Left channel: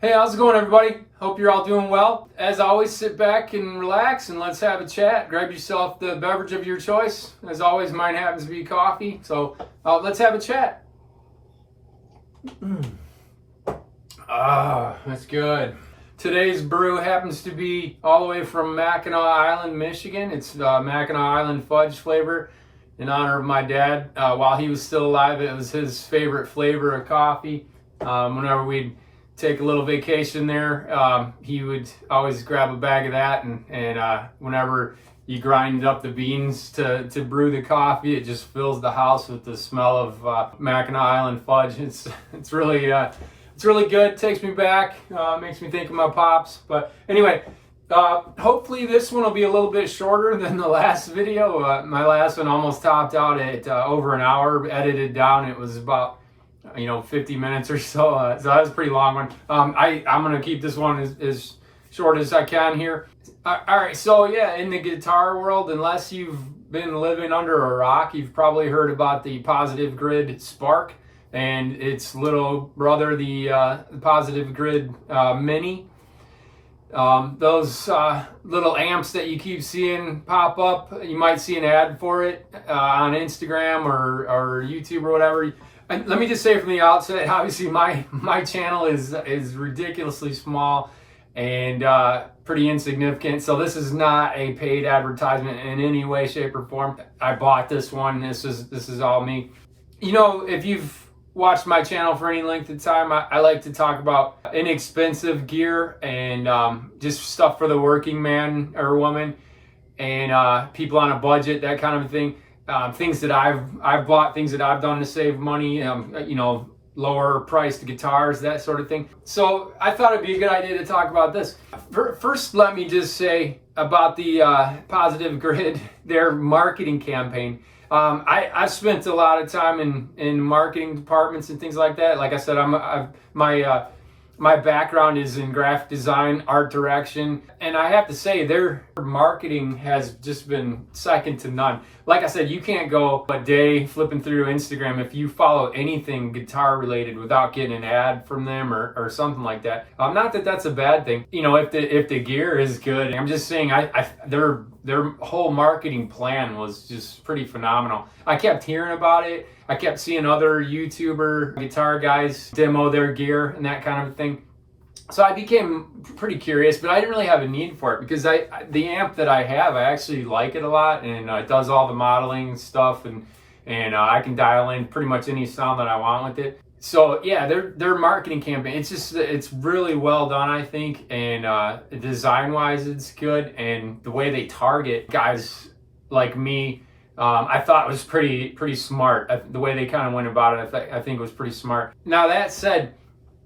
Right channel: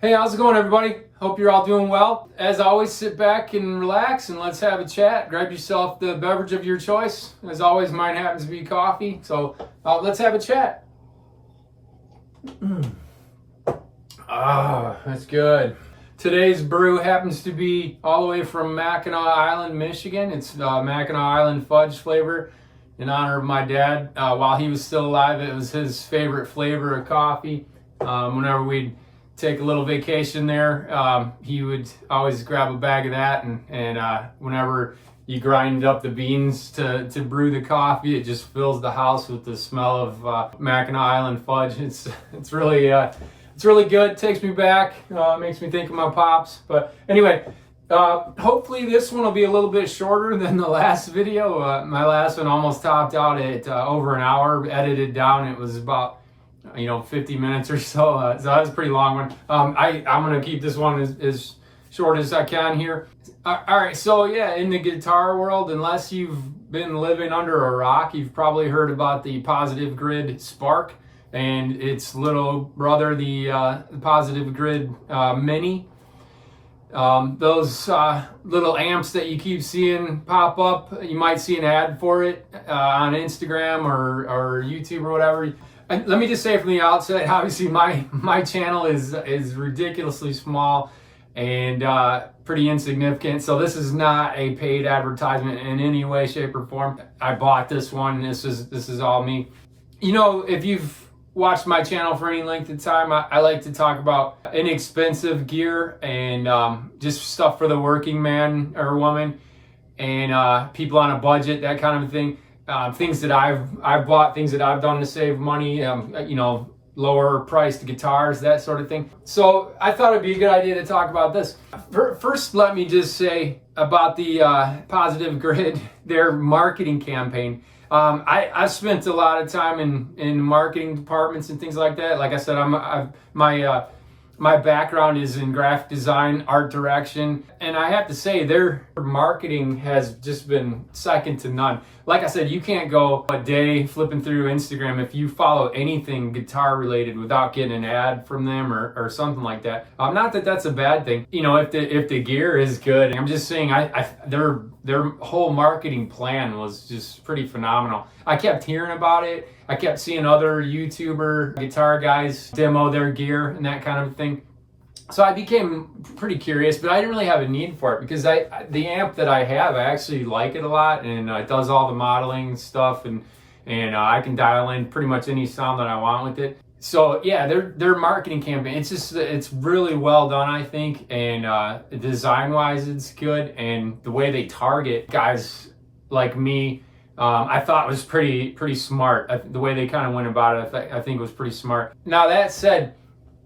Hey, how's it going, everybody? Hope you're all doing well. As always, sit back and relax and let's have a chat. Grab yourself the beverage of your choice. As always, mine happens to be coffee, so let's have a chat. That's good. Today's brew happens to be all the way from Mackinac Island, Michigan. It's Mackinac Island fudge flavor in honor of my dad. While he was still alive, it was his favorite flavor of coffee. Whenever we'd take a little vacation there, he would always grab a bag of that, and whenever you grind up the beans to brew the coffee, it just fills the house with the smell of Mackinac Island fudge. It's really good. It takes me back, makes me think of my pops. But anyway, hopefully this one will be a little bit shorter than the last video. My last one almost topped out at over an hour. Edited down, it was about 50 minutes or so. So that was a pretty long one. I'm gonna keep this one as short as I can here. All right, so yeah, in the guitar world, unless you've been living under a rock, you've probably heard about the Positive Grid Spark and its little brother, the Positive Grid Mini. Those little amps that you keep seeing pop up, you might see an ad for it on Instagram or YouTube or whatever. And let me just say from the outset, obviously my channel is ridiculously small and pretty insignificant. So this is not a paid advertisement in any way, shape, or form. I bought this one. This is all me. If you've watched my channel for any length of time, I like to talk about inexpensive gear and just stuff for the working man or woman and people on a budget, that kind of thing. Things that I've bought, things that I've done to save money, lower priced guitars, that sort of thing. So I thought it'd be a good idea to talk about this. First, let me just say about the Positive Grid, their marketing campaign. I've spent a lot of time in marketing departments and things like that. Like I said, my background is in graphic design, art direction, and I have to say their marketing has just been second to none. Like I said, you can't go a day flipping through Instagram if you follow anything guitar related without getting an ad from them or something like that. Not that that's a bad thing. If the gear is good, I'm just saying their whole marketing plan was just pretty phenomenal. I kept hearing about it. I kept seeing other YouTuber guitar guys demo their gear and that kind of thing. So I became pretty curious, but I didn't really have a need for it because the amp that I have, I actually like it a lot, and it does all the modeling stuff, and I can dial in pretty much any sound that I want with it. So yeah, their marketing campaign, it's really well done, I think, and design wise it's good, and the way they target guys like me, I thought was pretty smart. The way they kind of went about it, I think was pretty smart. Now that said,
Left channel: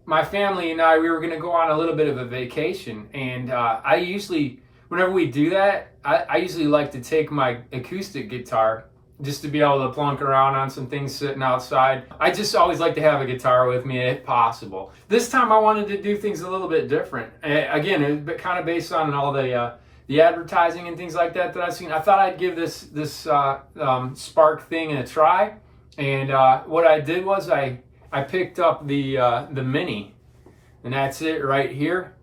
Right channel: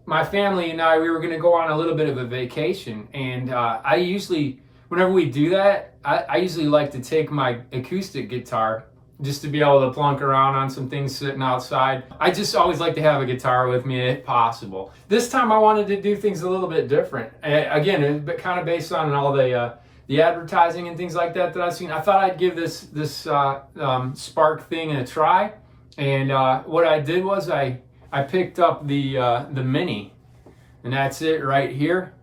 my family and I, we were going to go on a little bit of a vacation, and I usually, whenever we do that, I usually like to take my acoustic guitar just to be able to plunk around on some things sitting outside. I just always like to have a guitar with me if possible. This time I wanted to do things a little bit different. Again, kind of based on all the advertising and things like that I've seen. I thought I'd give this Spark thing a try, and what I did was I picked up the Mini, and that's it right here.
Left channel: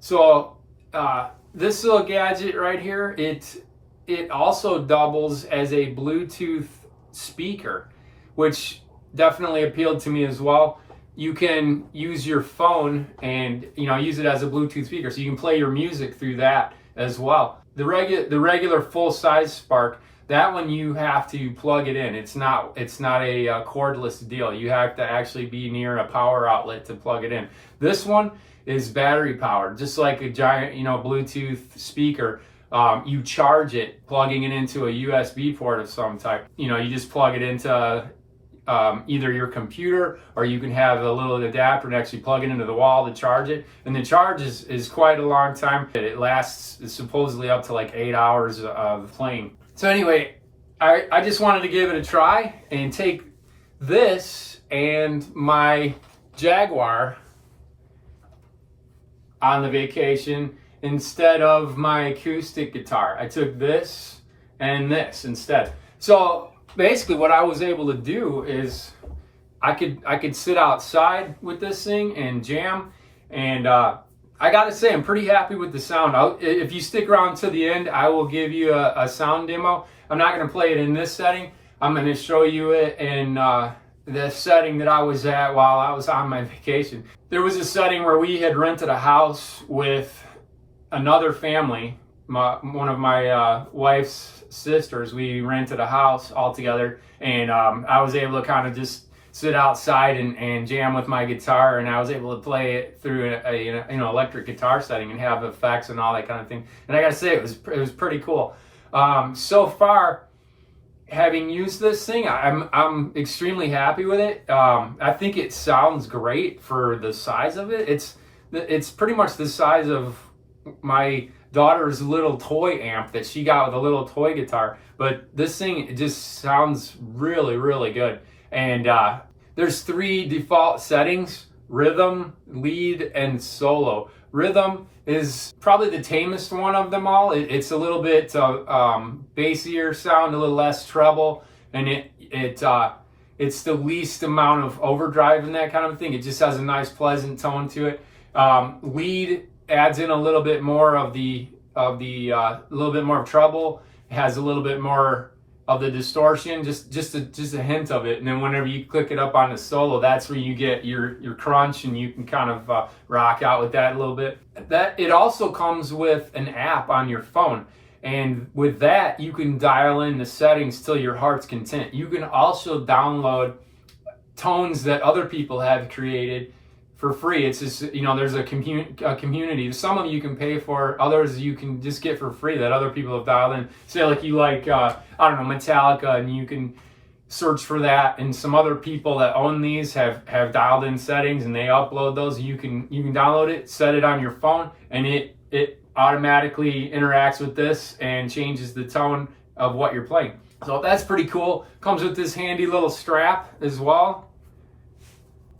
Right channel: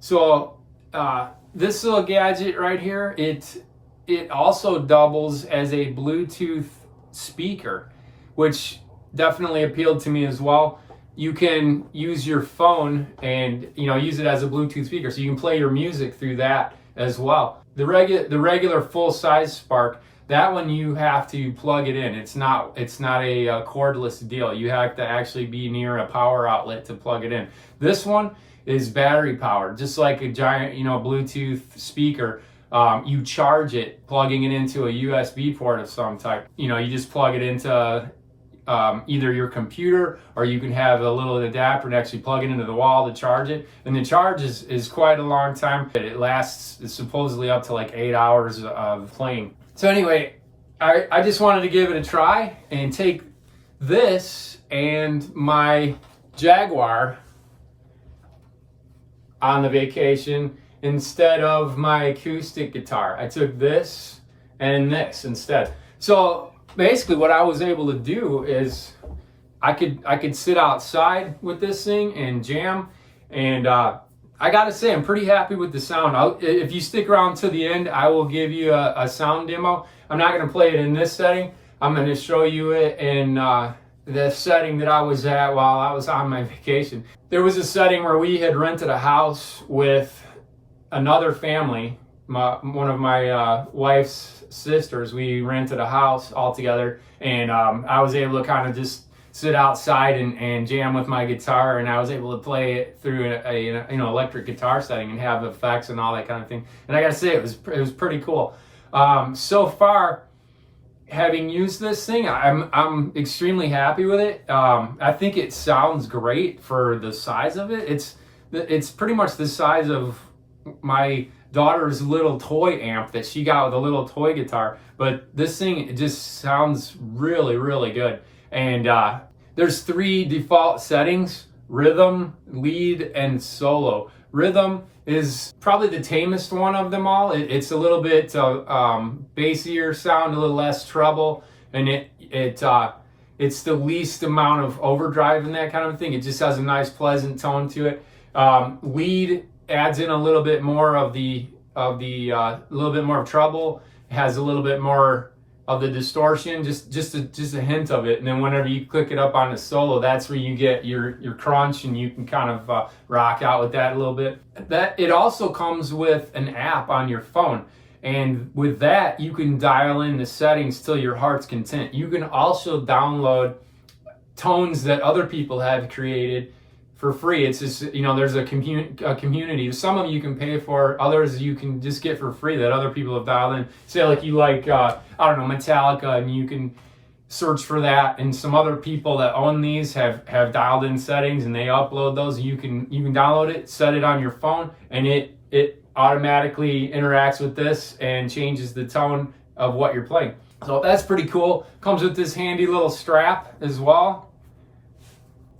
So this little gadget right here, it also doubles as a Bluetooth speaker, which definitely appealed to me as well. You can use your phone and use it as a Bluetooth speaker, so you can play your music through that as well. The regular full size Spark, that one you have to plug it in. It's not a cordless deal. You have to actually be near a power outlet to plug it in. This one is battery powered, just like a giant Bluetooth speaker. You charge it, plugging it into a USB port of some type. You just plug it into either your computer, or you can have a little adapter and actually plug it into the wall to charge it. And the charge is quite a long time. It lasts supposedly up to like 8 hours of playing. So anyway, I just wanted to give it a try and take this and my Jaguar on the vacation instead of my acoustic guitar. I took this and this instead. So basically what I was able to do is I could sit outside with this thing and jam, And I gotta say, I'm pretty happy with the sound. If you stick around to the end, I will give you a sound demo. I'm not gonna play it in this setting. I'm gonna show you it in the setting that I was at while I was on my vacation. There was a setting where we had rented a house with another family, one of my wife's sisters. We rented a house all together, and I was able to kind of just sit outside and jam with my guitar, and I was able to play it through a electric guitar setting and have effects and all that kind of thing. And I gotta say, it was pretty cool. So far, having used this thing, I'm extremely happy with it. I think it sounds great for the size of it. It's pretty much the size of my daughter's little toy amp that she got with a little toy guitar. But this thing, it just sounds really, really good. And there's 3 default settings: rhythm, lead, and solo. Rhythm is probably the tamest one of them all. It's a little bit bassier sound, a little less treble, and it's the least amount of overdrive and that kind of thing. It just has a nice, pleasant tone to it. Lead adds in a little bit more of a little bit more of treble. It has a little bit more of the distortion, just a hint of it. And then whenever you click it up on the solo, that's where you get your crunch, and you can kind of rock out with that a little bit. That it also comes with an app on your phone, and with that you can dial in the settings till your heart's content. You can also download tones that other people have created for free. It's just, there's a community. Some of them you can pay for, others you can just get for free that other people have dialed in. Say like you like, Metallica, and you can search for that, and some other people that own these have dialed in settings, and they upload those. You can download it, set it on your phone, and it automatically interacts with this and changes the tone of what you're playing. So that's pretty cool. Comes with this handy little strap as well.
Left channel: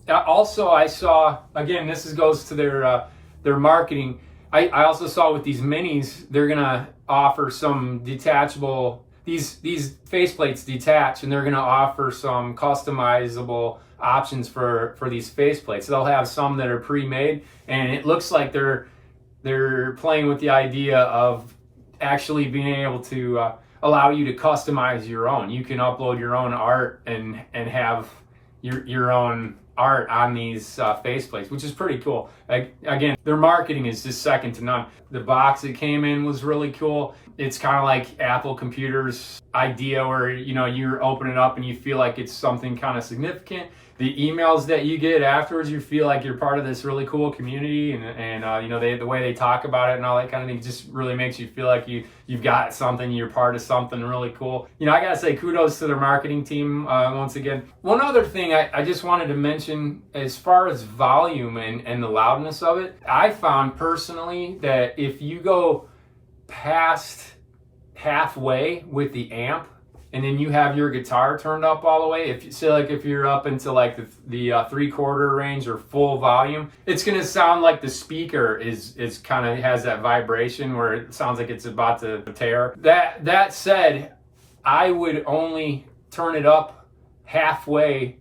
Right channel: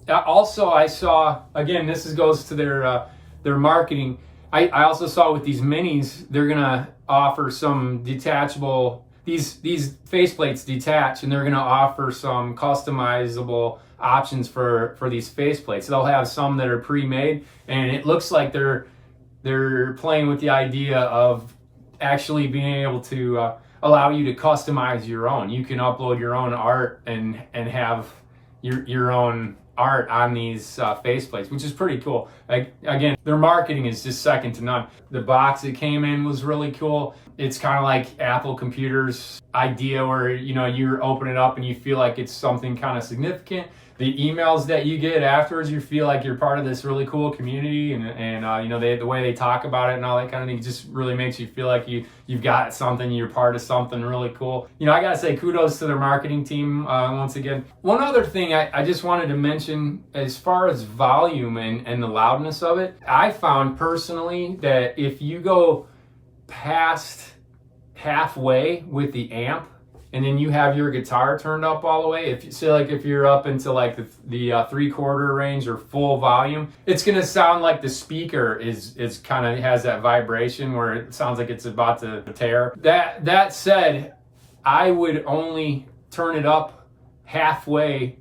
Also, I saw, again, goes to their marketing. I also saw with these minis, they're gonna offer some detachable. These faceplates detach, and they're gonna offer some customizable options for these faceplates. They'll have some that are pre-made, and it looks like they're playing with the idea of actually being able to allow you to customize your own. You can upload your own art and have your own art on these faceplates, which is pretty cool. Again, their marketing is just second to none. The box it came in was really cool. It's kind of like Apple Computers idea where you open it up and you feel like it's something kind of significant. The emails that you get afterwards, you feel like you're part of this really cool community, and the way they talk about it and all that kind of thing just really makes you feel like you've got something, you're part of something really cool. I gotta say kudos to their marketing team once again. One other thing I just wanted to mention as far as volume and the loudness of it, I found personally that if you go past halfway with the amp, and then you have your guitar turned up all the way, if you're up into like the 3/4 range or full volume, it's gonna sound like the speaker is kind of has that vibration where it sounds like it's about to tear. That said, I would only turn it up halfway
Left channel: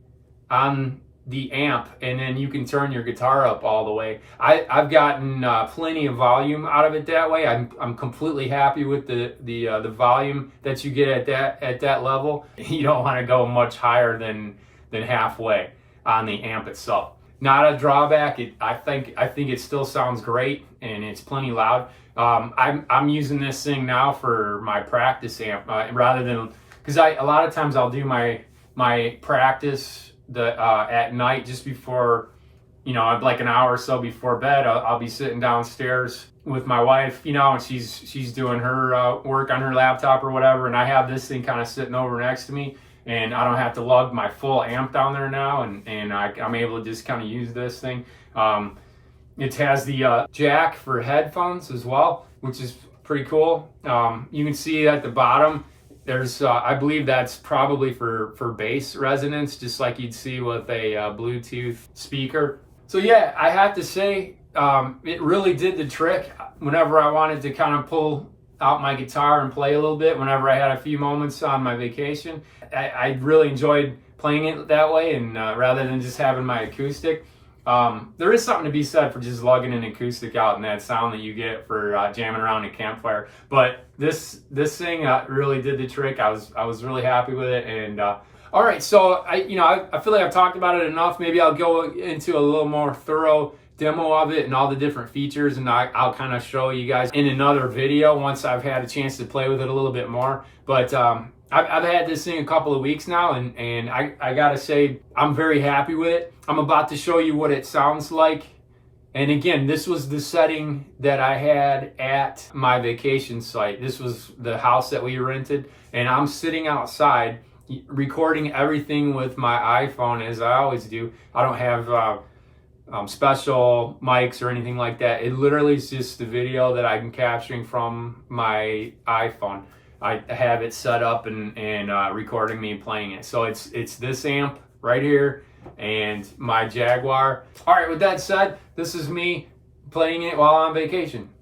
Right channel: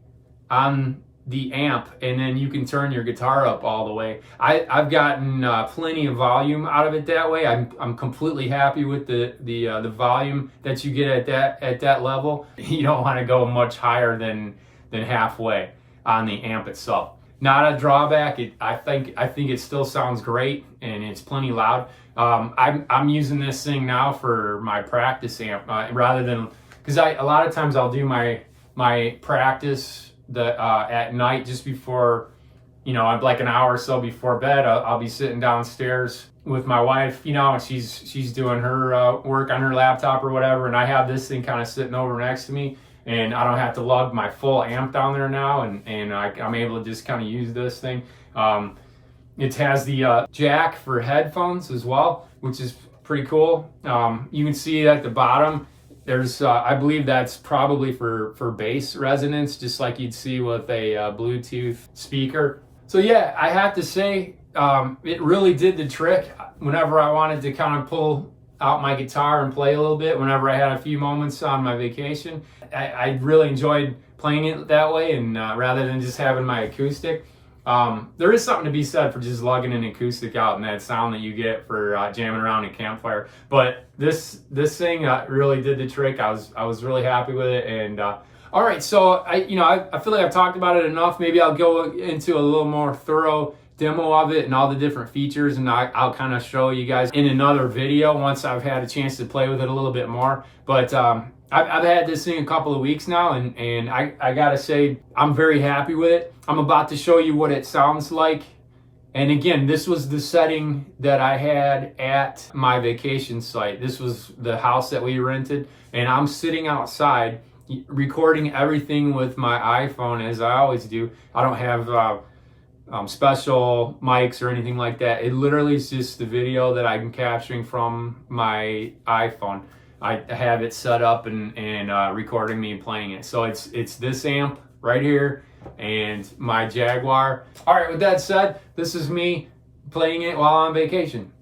on the amp, and then you can turn your guitar up all the way. I've gotten plenty of volume out of it that way. I'm completely happy with the volume that you get at that level. You don't want to go much higher than halfway on the amp itself. Not a drawback. I think it still sounds great, and it's plenty loud. I'm using this thing now for my practice amp rather than, because a lot of times I'll do my practice at night just before, like an hour or so before bed. I'll be sitting downstairs with my wife, and she's doing her work on her laptop or whatever, and I have this thing kind of sitting over next to me, and I don't have to lug my full amp down there now, and I'm able to just kind of use this thing. It has the jack for headphones as well, which is pretty cool. You can see at the bottom, there's, I believe that's probably for bass resonance, just like you'd see with a Bluetooth speaker. So yeah, I have to say, it really did the trick. Whenever I wanted to kind of pull out my guitar and play a little bit, whenever I had a few moments on my vacation, I really enjoyed playing it that way, and rather than just having my acoustic. There is something to be said for just lugging an acoustic out and that sound that you get for jamming around a campfire. But this thing really did the trick. I was really happy with it. And all right, so I feel like I've talked about it enough. Maybe I'll go into a little more thorough demo of it and all the different features, and I'll kind of show you guys in another video once I've had a chance to play with it a little bit more. But I've had this thing a couple of weeks now, and I gotta say I'm very happy with it. I'm about to show you what it sounds like. And again, this was the setting that I had at my vacation site. This was the house that we rented, and I'm sitting outside recording everything with my iPhone, as I always do. I don't have special mics or anything like that. It literally is just the video that I'm capturing from my iPhone. I have it set up and recording me playing it. So it's this amp right here and my Jaguar. All right, with that said, this is me playing it while on vacation.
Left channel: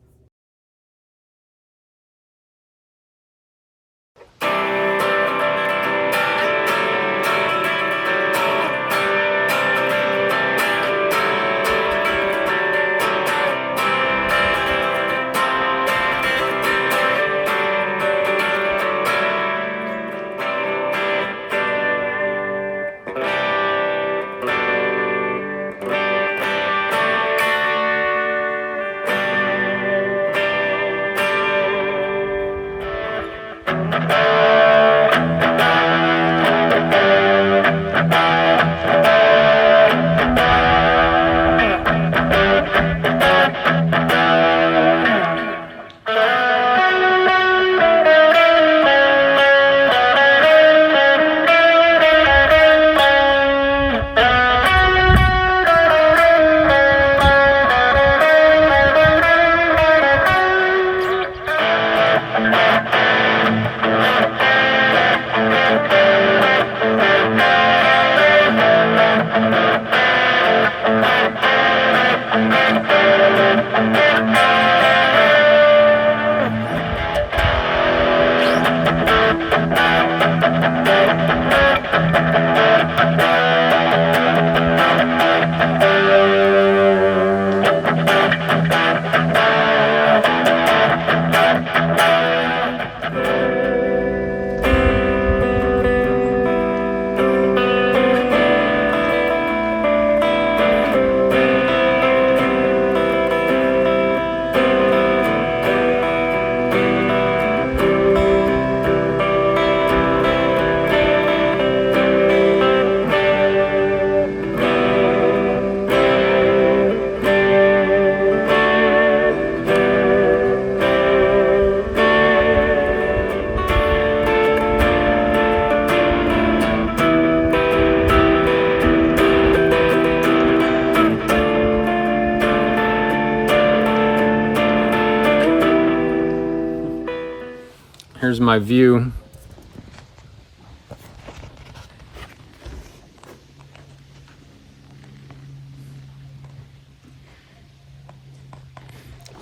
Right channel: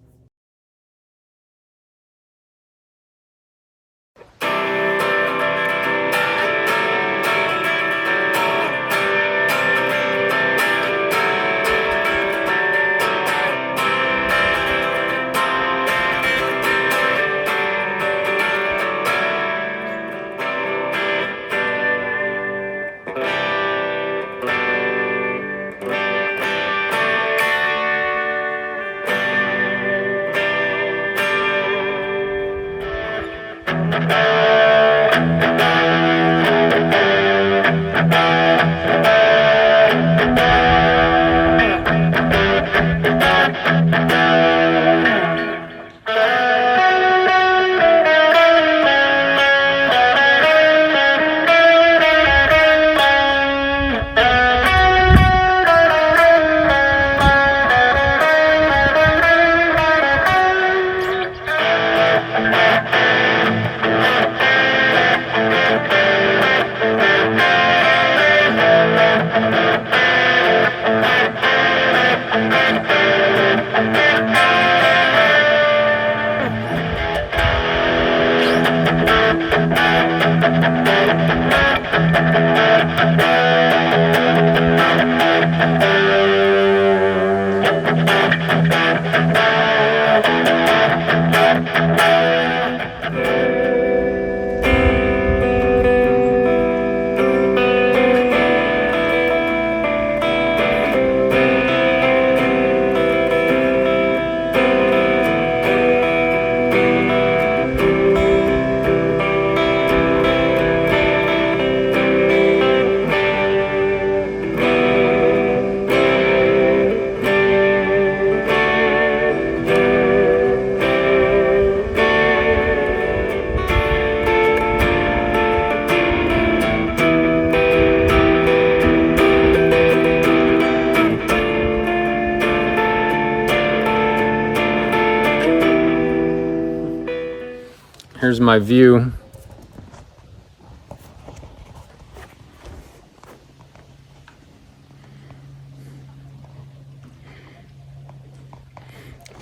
Here's my view.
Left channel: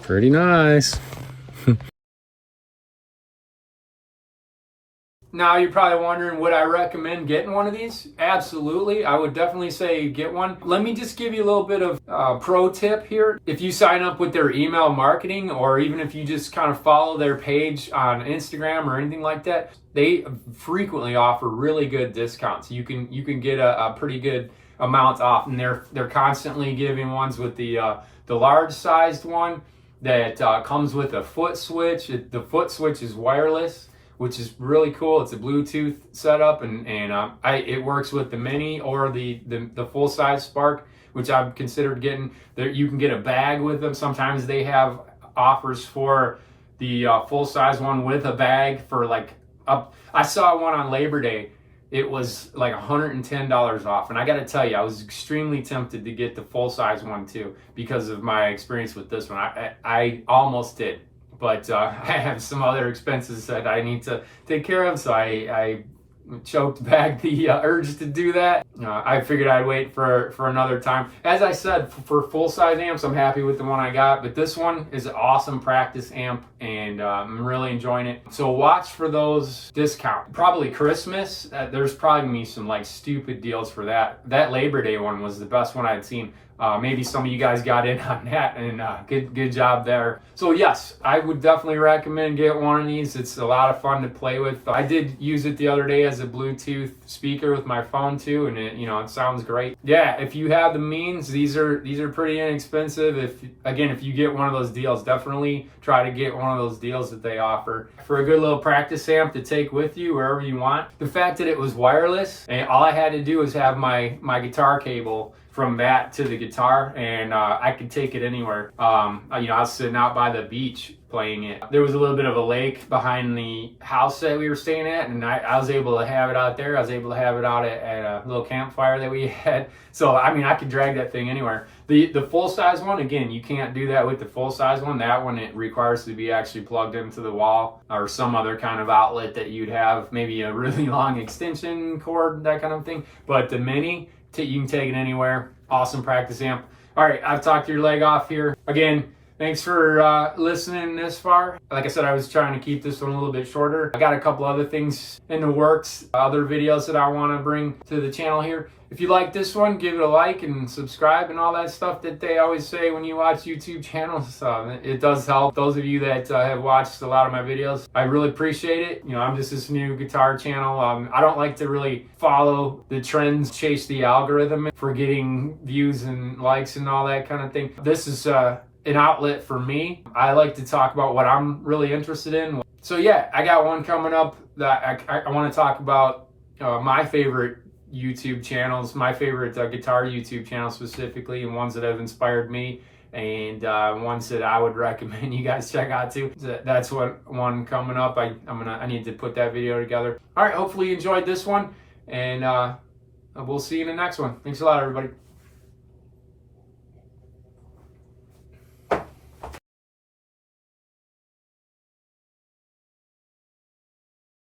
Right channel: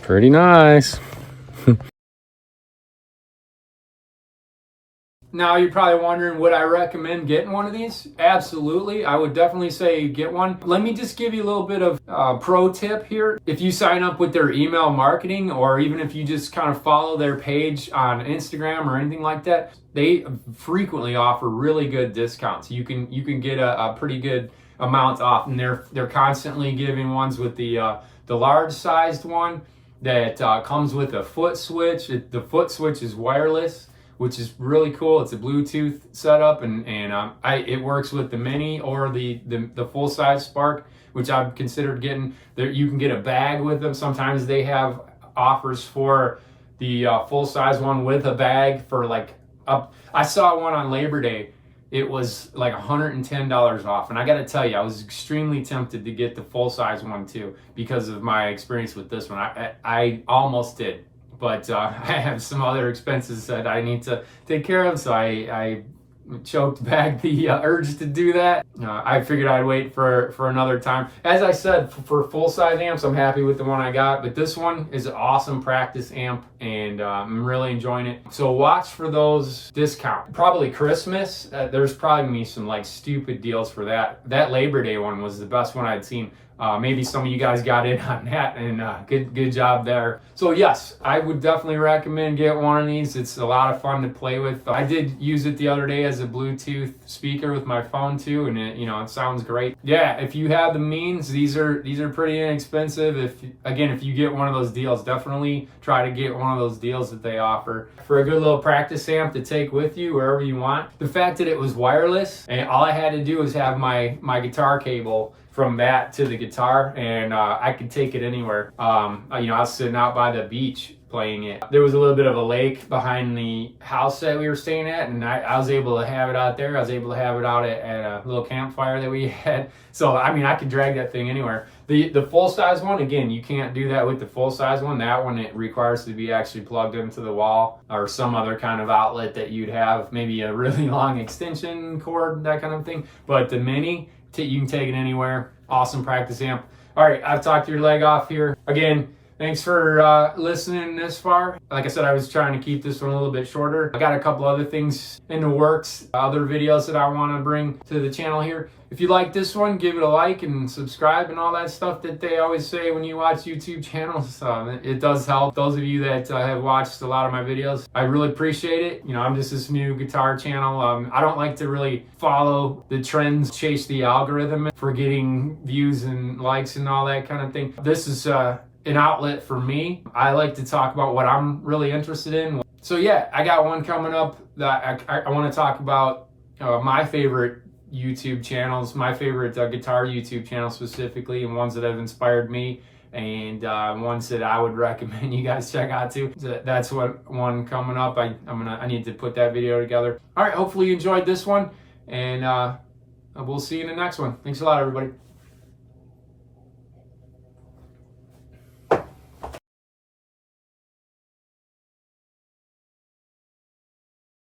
Pretty nice. Now you're probably wondering, would I recommend getting one of these? Absolutely. I would definitely say get one. Let me just give you a little bit of pro tip here. If you sign up with their email marketing, or even if you just kind of follow their page on Instagram or anything like that, they frequently offer really good discounts. You can get a pretty good amount off, and they're constantly giving ones with the large sized one that comes with a foot switch. The foot switch is wireless, which is really cool. It's a Bluetooth setup, and it works with the mini or the full size Spark, which I've considered getting. There, you can get a bag with them. Sometimes they have offers for the full size one with a bag for like I saw one on Labor Day. It was like $110 off, and I got to tell you, I was extremely tempted to get the full size one too because of my experience with this one. I almost did. But I have some other expenses that I need to take care of, so I choked back the urge to do that. I figured I'd wait for another time. As I said, for full-size amps, I'm happy with the one I got, but this one is an awesome practice amp, and I'm really enjoying it. So watch for those discounts. Probably Christmas, there's probably gonna be some like stupid deals for that. That Labor Day one was the best one I'd seen. maybe some of you guys got in on that, and good job there. So yes, I would definitely recommend get one of these. It's a lot of fun to play with. I did use it the other day as a Bluetooth speaker with my phone too, and it sounds great. Yeah, if you have the means, these are pretty inexpensive. If you get one of those deals, definitely try to get one of those deals that they offer for a good little practice amp to take with you wherever you want. The fact that it was wireless and all I had to do was have my guitar cable from that to the guitar, and I could take it anywhere. I was sitting out by the beach playing it. There was a little bit of a lake behind the house that we were staying at, and I was able to have it out there. I was able to have it out at a little campfire that we had. So I could drag that thing anywhere. The full size one, again, you can't do that with the full size one. That one, it requires to be actually plugged into the wall or some other kind of outlet that you'd have, maybe a really long extension cord, that kind of thing. But the mini, you can take it anywhere. Awesome practice amp. All right, I've talked your leg off here. Again, thanks for listening this far. Like I said, I was trying to keep this one a little bit shorter. I got a couple other things in the works, other videos that I want to bring to the channel here. If you like this one, give it a like and subscribe and all that stuff that they always say when you watch YouTube channels. It does help. Those of you that have watched a lot of my videos, I really appreciate it. I'm just this new guitar channel. I don't like to really follow the trends, chase the algorithm for getting views and likes and all that kind of thing. This is an outlet for me. I like to talk about what I'm really interested in. So yeah, I got one coming up that I want to talk about my favorite YouTube channels, my favorite guitar YouTube channels specifically, and ones that have inspired me, and ones that I would recommend you guys check out too. So that's one coming up. I need to put that video together. All right, hopefully you enjoyed this one, and we'll see you in the next one. Thanks a lot, everybody.